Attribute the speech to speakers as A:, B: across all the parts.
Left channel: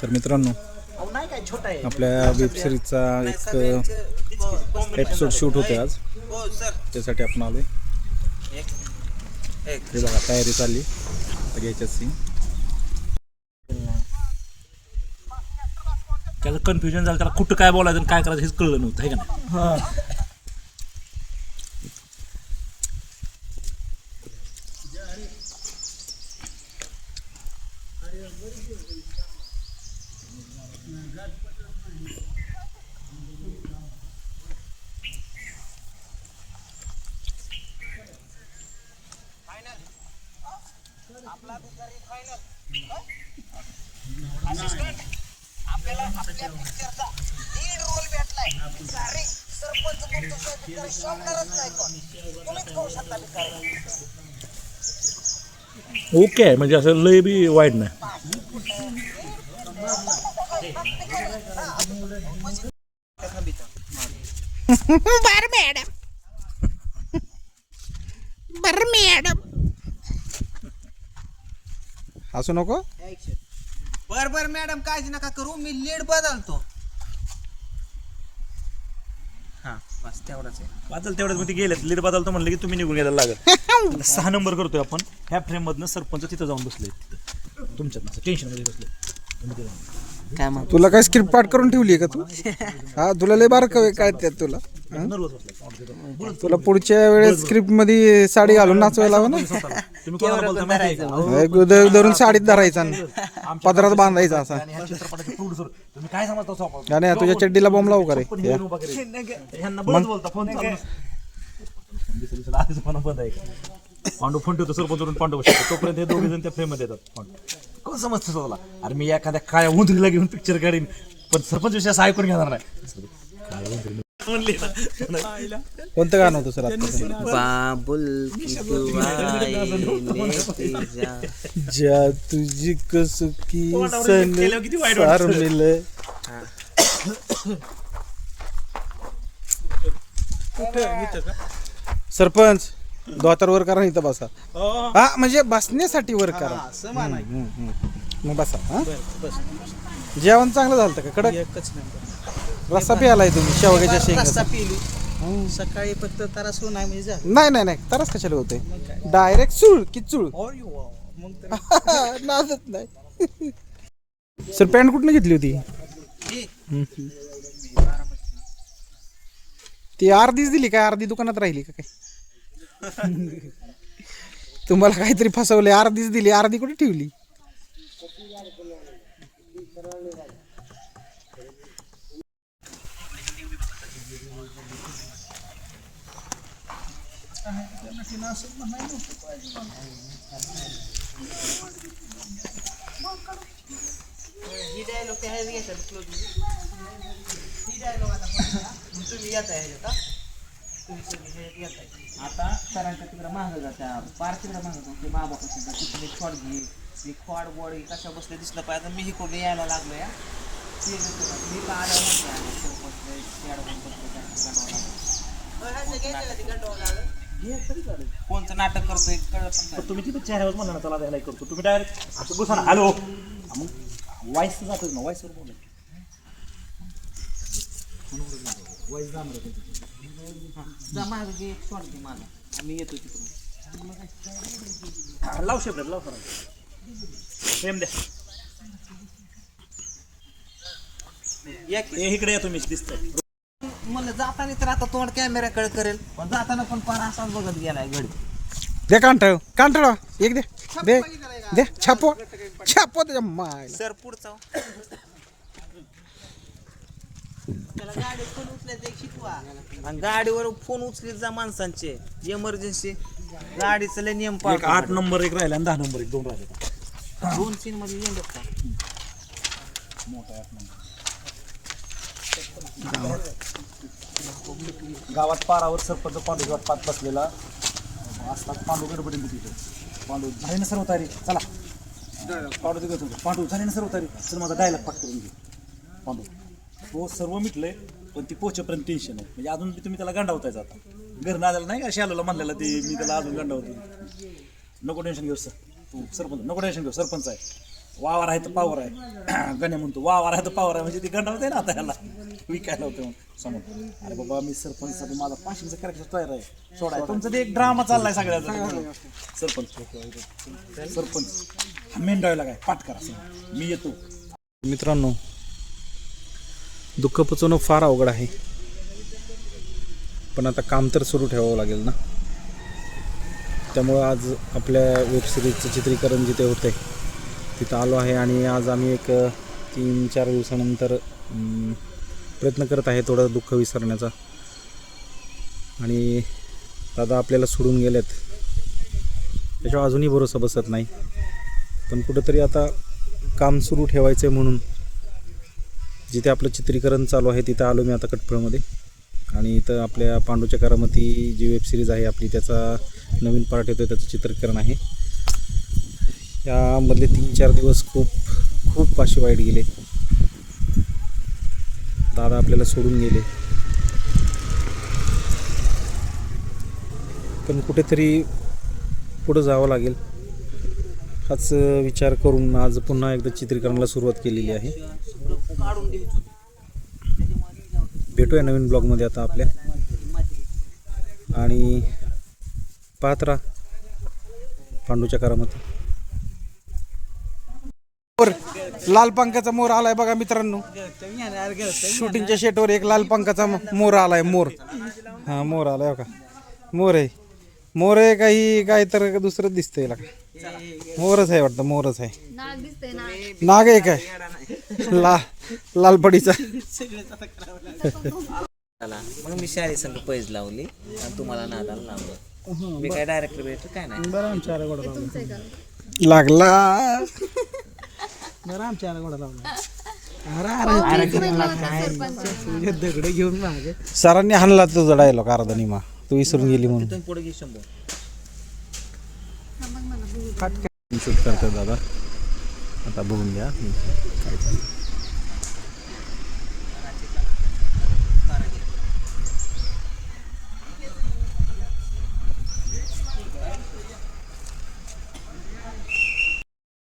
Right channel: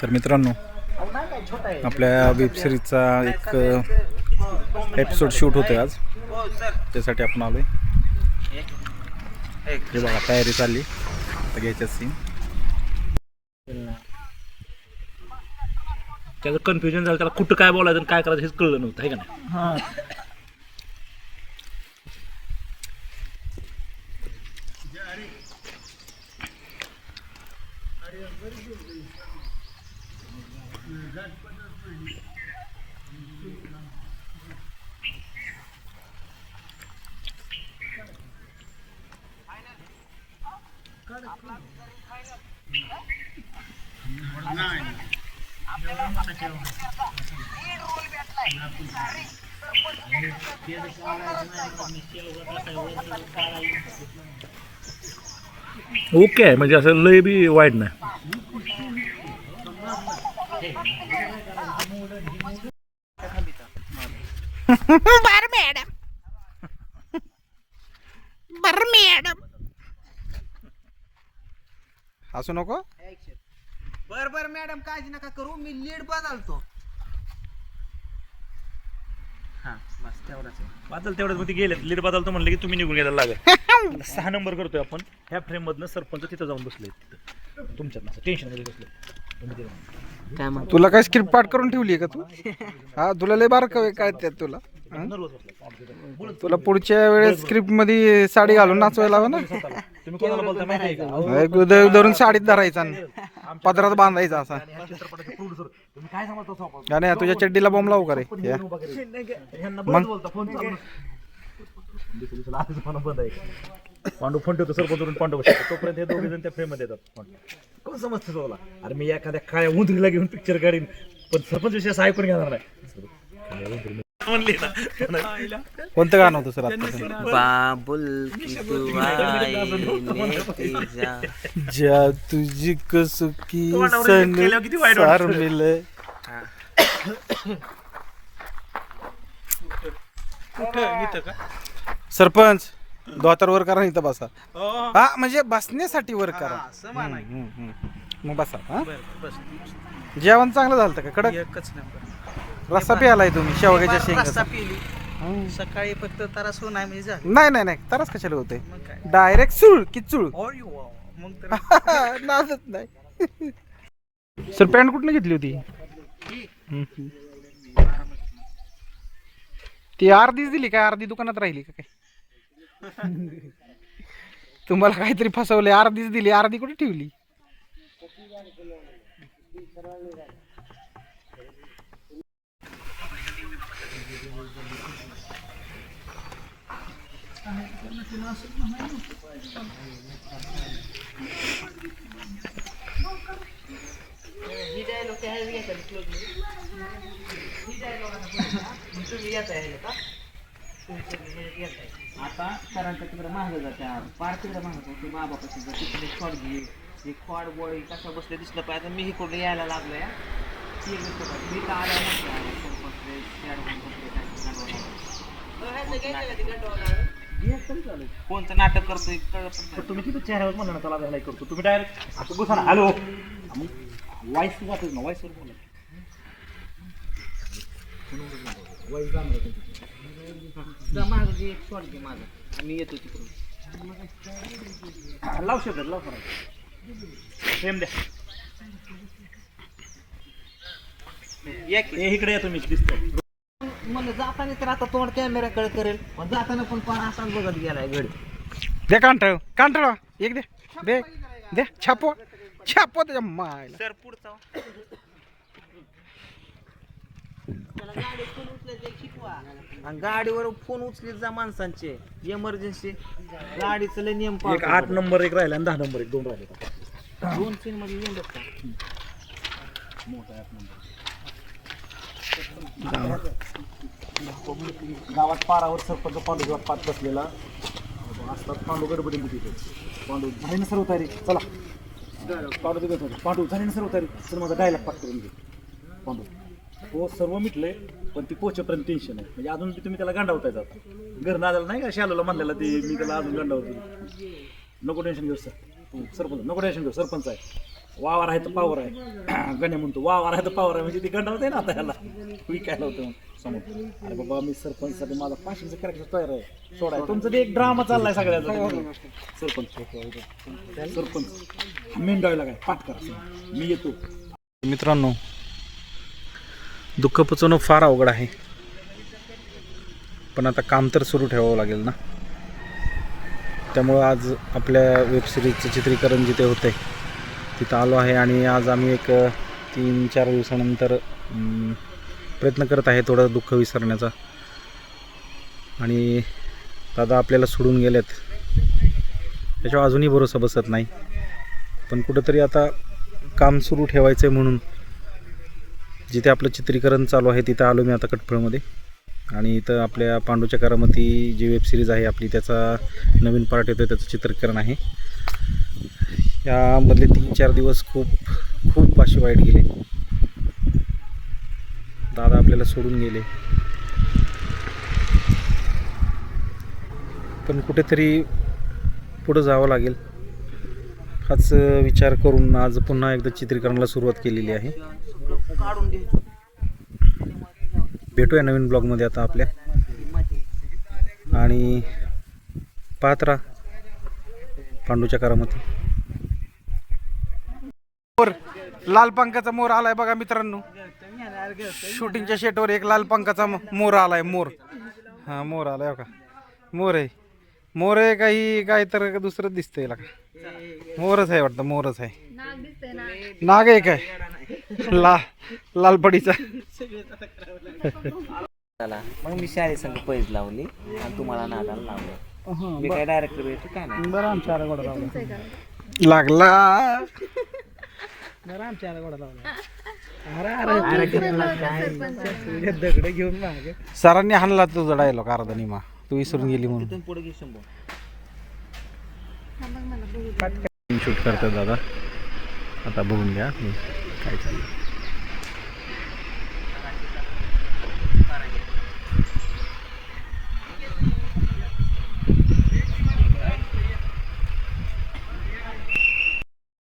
A: तर मित्रांनो आपल्या वेब सिरीजचा एक एपिसोड शूट होतोय आज. त्यासाठी आपण आलोय. हे बघा तयारी चालली. आता घ्यायच्या सीन
B: त्याचं कन्फ्युजन झालं त्याला कुठं काय बोलायचं काय करायचं हेच कळलं नव्हतं आहे का नाही? ओके आहे म्हणजे असं लय बी वाईट नाही.
C: बर मॅडम. बर मॅडम.
A: हसू नको?
D: बर बर मॅडम काळजी नका करू. मी लीड बदलतो. हा बस तेवढाच आहे.
B: बदल तेवढंच मग ते गेले लीड बदलतो म्हणलं की तुम्ही निघून गेला लागेल. सहा नंबर करतोय आपण. ह्या फ्रेम मधनं सरपंच तिथं जाऊन बसले. तिथं तुमच्यात टेन्शनमध्ये बसले.
D: काय
A: तुला काय स्क्रिप्ट पाठ करून ठेवली आहे का तू? हा तुला लय बार काय त्यात तुला? हा? तुला पुढच्या वेळेस स्क्रिप्टमध्ये साडी घालून नाचवायला हवं ना?
B: तुम्ही कोणाला बोलता माहिती आहे का?
A: एक द- धरून साडीत धरायचा आणि पदरात बांधायचा असा
B: ह्या चित्रपटाचे producer. तुम्ही काय समजता
A: तुझ्या चड्डीला बॉम्ब लावू का रे
B: पण
A: या.
B: hero वगैरे. ह्यांना बरंच बोलता फोन चालू नसतो. दुसरी दिवसाला आधीच म्हणा बंद आहे का? पांडू फोन ठेवतो सरपंच वरून पांडू बसतो तोपर्यंत हे दोघे जण त्या फ्रेममध्ये येतात फोन कोण समजतं तुला अरे मी एखाद्या काळ्या उंदरीला घेऊन पिक्चर काढीन पण सरपंच विषय असं ऐकून घेणार नाही उंदरी म्हणली ना.
A: कोणतं गाणं होतं सर आता
D: बाबुल की दुआएं जा
A: जा तुझी कसुकी
B: तोंडावर
A: सन
B: केल्यावर किती वाईट
A: सार
B: वाटतं.
A: मिले। सरपंच दोतर वर करा इथं बसा. हा म्हणजे बसण्यासाठी वर करा. हम्म, हम्म, हम्म. मग बसा हा. जेवण चांगलं झालं का? कडक?
D: एकच नंबर.
A: रस्सा प्यालाय तुम्ही शेवग्याच्या
D: रस्सा
A: शेंगा.
D: सकाळी फक्त तरास नाही म्हणजे झालं.
A: नाही नाही नाही तरच कशाला होते डायरेक्ट चुळ की चुळ?
D: ओय वा. मग तर
A: नादत नाही. सर पॅन्ट कुठनं घेतली होती. ती अर्धीच दिली काय? अर्धी दुकानात राहिली का काय? तुम्हाला काहीतरी फसवले अर्धीच दिली. अर्धी कुठे ठेवली?
D: ही dialogue ते ह्याच घेतात close मध्ये. ही dialogue आता पुढे करा. मग तुम्ही घेताय ह्याच्यात, हा? तुम्ही सगळे ह्याच्यात घेताय. आता सरांच्या तिकडे मागं जात्या पार तिकडे मागं जाऊ ते बाबा कशी जा तिकडे शॉट घे हे खोड बॉडी कशा बसले दिसलं पाहिजे मी इकडून यायला लागलो या ती एक गोष्ट बघ. मी तर आल्या नसते आले कोण बसले खेळ कोण बसले काय गंडवायला. घे तरी चालेल. कोणतं नाटक करतोय कळत पण नाही.
B: तुम्ही तिथं चेहऱ्यावर म्हणा ना त्याला नाही करतो. तुम्ही डायरेक्ट असं बसा ना. हॅलो मग वाईस जातच ना वाईसवर बोला.
D: जा मागं घे एक शॉट घे माझा आम्ही येतो तिकडून.
B: लाव शकत लाव करा सेम द्या.
D: या की.
B: ए, इकडे या तुम्ही दिसतं
D: मला जाताना तर आता तोंड कॅमेऱ्याकडे करेल. पण जाताना पण पण असाच बघत गेलाय घडी.
A: दे कांठळ कांठळ एक दे. दे. दे. छापो. छापो त्याच्या मायला.
D: सर पुढचा. हो. त्याला गाडी फोन उचलायचं एक शिकवा. आणि गाडीवर फोन उचलीत जा माणसांचे. इमर्जन्सी गाडीचं लय नियम
B: एक
D: पाळतो
B: आठ नंबर एक राहिला आणि दहा नंबर एक दोन राहिले.
D: दोन सीन मध्ये येऊन का
B: गावात पारावर सरपंच पांडू पाठ पाच बसलेला. असतात पांडू गडबडीन तिथे पांडू झाली ना सर्व तारीख चला. पांडू तिकडे होतो. पांडू झाली ना सर्व तारीख तर माझा डायलॉग पाठ करून घे. पांडू. तो सर्व मिटलंय पण ती पोचेपर्यंत टेन्शन आहे म्हणजे अजून तुम्ही त्याला गंडावताय जाता घर नाजाला नाही का? शालूला म्हणलेला ते मी त्याला अजून गंडावतो नको टेन्शन घेऊ सर तू सरपंच नको टेन्शन घेऊ सरपंच आहे. वावर आहे तर पावर आहे. गणे म्हणतो वावर आहे तर पावर आहे. म्हणजे ते गंड होते ना आता ह्याला विकायला होतं समोर. अरे बाबा मी सरपंचसाठी माझा पाचशेचं कॅरेक्टर तयार आहे. सोडाय तुमचं ते एक ड्रामा चाललाय सगळ्याचा सरपंच. सरपंच. मेंढायला काय? पाठ करा मी येतो.
A: मित्रांनो दुःख पचवणं फार अवघड आहे. पण आता काम तर सुरू ठेवावं लागेल ना. त्यामुळं आज आपल्या वेबसिरीजचं चित्रीकरण जिथे होतं आहे तिथं आलो आहे आणि आज आम्ही एक तीन चार दिवसानंतर प्रयत्न करत आहे थोडं दुःख विसरण्याचा. आणि दादा आपल्याला सोडून गेलेत. त्याच्यावर अजूनही भरोसा बसत नाही. पण कुठंतरी आता काम सुरू ठेवायचं आहे म्हणून जिथे आपलं चित्रीकरण चालू आहे तिथं आलो मी आता कटफळमध्ये आणि इथं आपल्या पांडूच्या करामती जी वेबसिरीज आहे आपली त्याचा नवीन पार्ट येतो त्याचं चित्रीकरण आहे. यामधले तीन चार दिवस खूप खूप असे वाईट गेले. दादा आपल्याला सोडून गेले. पण कुठेतरी पुढं जावं लागेल. हाच विचार करून आज पुन्हा एकदा चित्रीकरणाला सुरुवात केलेली आहे. भेटूया नवीन ब्लॉगमध्ये आता आपल्या. आणि पाहत राहा. पांडूच्या करामती मोर लाल पंखाचा मोर आलाय बघा मित्रांनो. शूटिंगच्या शेटवर एक लाल पंखाचा मोर आलाय मोर. हा मोर आलाय बघा. मोर आहे. मोर आहे काही काय तर दुसरं दिसतंय याला. मोरच आहे वाटतं मोरच आहे.
E: नाग दिसतंय ना
A: नाग आहे काय? ला लालपडीचा.
D: मग मी शाळी संघ पैज लावली आणि तुम्हाला नादाला लावलं. मी काय डायरेक्टर भेटतो काय नाही?
A: लागला सरांनी हाणला तुझा डायलॉग अर्धा निमा तू विसरून गेली म्हणून.
D: पुढे घे शंभर.
A: शूट करतात दादा. आता बघून घ्या. मी काय चाललं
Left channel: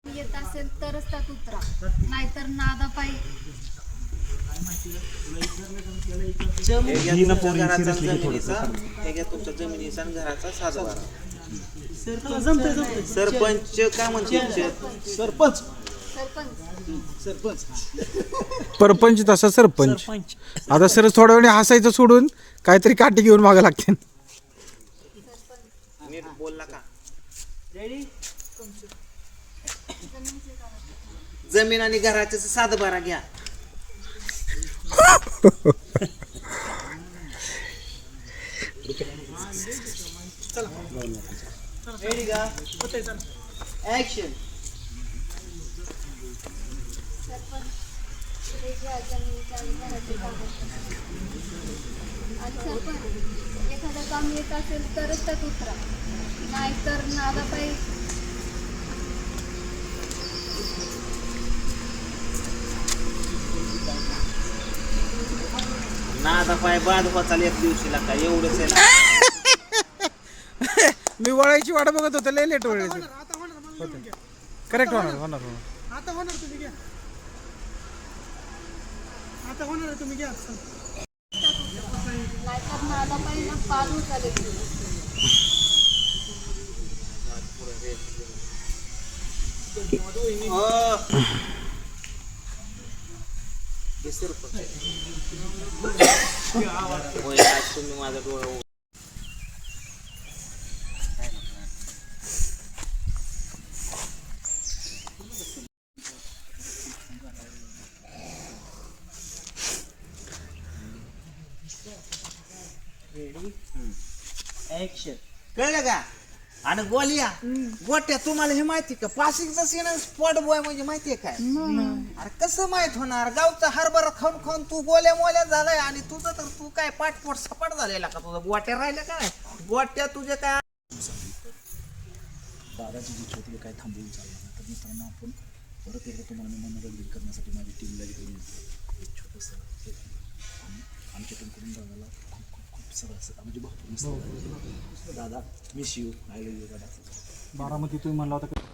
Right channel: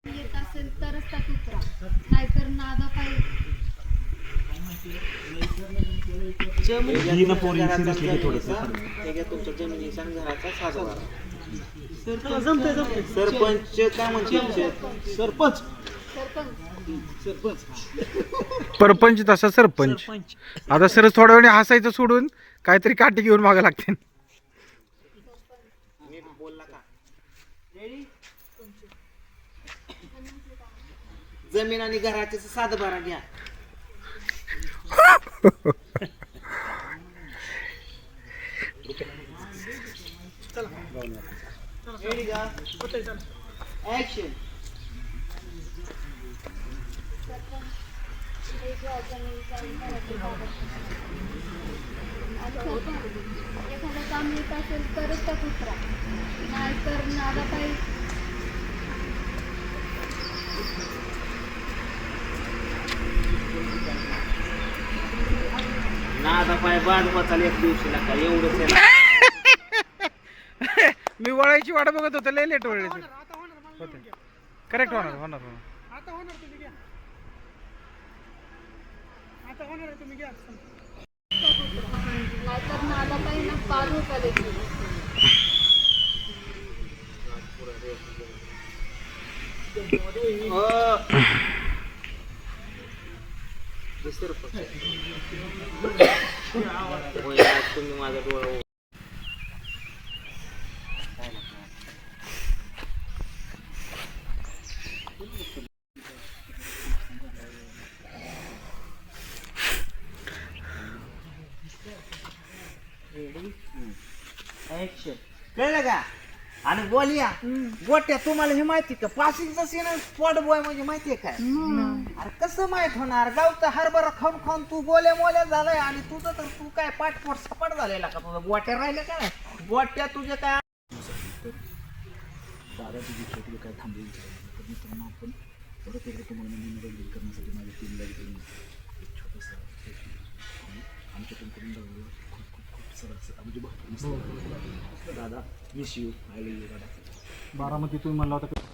E: येत असेल तरच त्यात उतरा नाहीतर नादा पाहिजे
D: तुमच्या घराचा जमिनीचा घ्या तुमच्या जमिनीचा आणि घराचा सरपंच काय म्हणते
B: सरपंच.
E: सरपंच.
A: परपंच तसा सरपंच. आता सर थोड्या वेळ हसायचं सोडून काहीतरी काठी घेऊन मागं लागते
D: नीट बोलला का जमीन आणि घराचे सातबारा घ्या.
E: एखादं काम येत उतरा नाहीतर नादा पाहिजे
D: आता पाय बाद होता एक दिवशीला का? एवढंच आहे ना.
A: मी वळायची वाट बघत होतो लय लेट वळायचं करेक्ट होणार होणार होणार.
E: नाहीतर पाच उचल
D: होय, आज तुम्ही माझा डोळा ऍक्शन कळलं का? आणि बोलिया गोट्या तुम्हाला हे माहिती का? पासिंगचा सीन स्पॉट बॉय म्हणजे माहितीये काय? अरे कसं माहीत होणार? गावचा हरभरा खाऊन खाऊन तू गोल्या मोल्या झालाय आणि तुझं तर तू काय पाठपोट सपाट झालेला का? तुझं गोट्या राहिल्या काय गोट्या तुझ्या काय
B: दादाची जी खेती काय थांबली तर मित्रांनो आपण परत एकदा तुम्हाला मी मनोरंजन करण्यासाठी माझ्या टीमला घेऊन छोटंसं हे आमच्याकडून करून दादाला खूप असं म्हणजे भरपूर दादा miss you I love you दादा.
A: बारामती तुम्ही म्हणला होता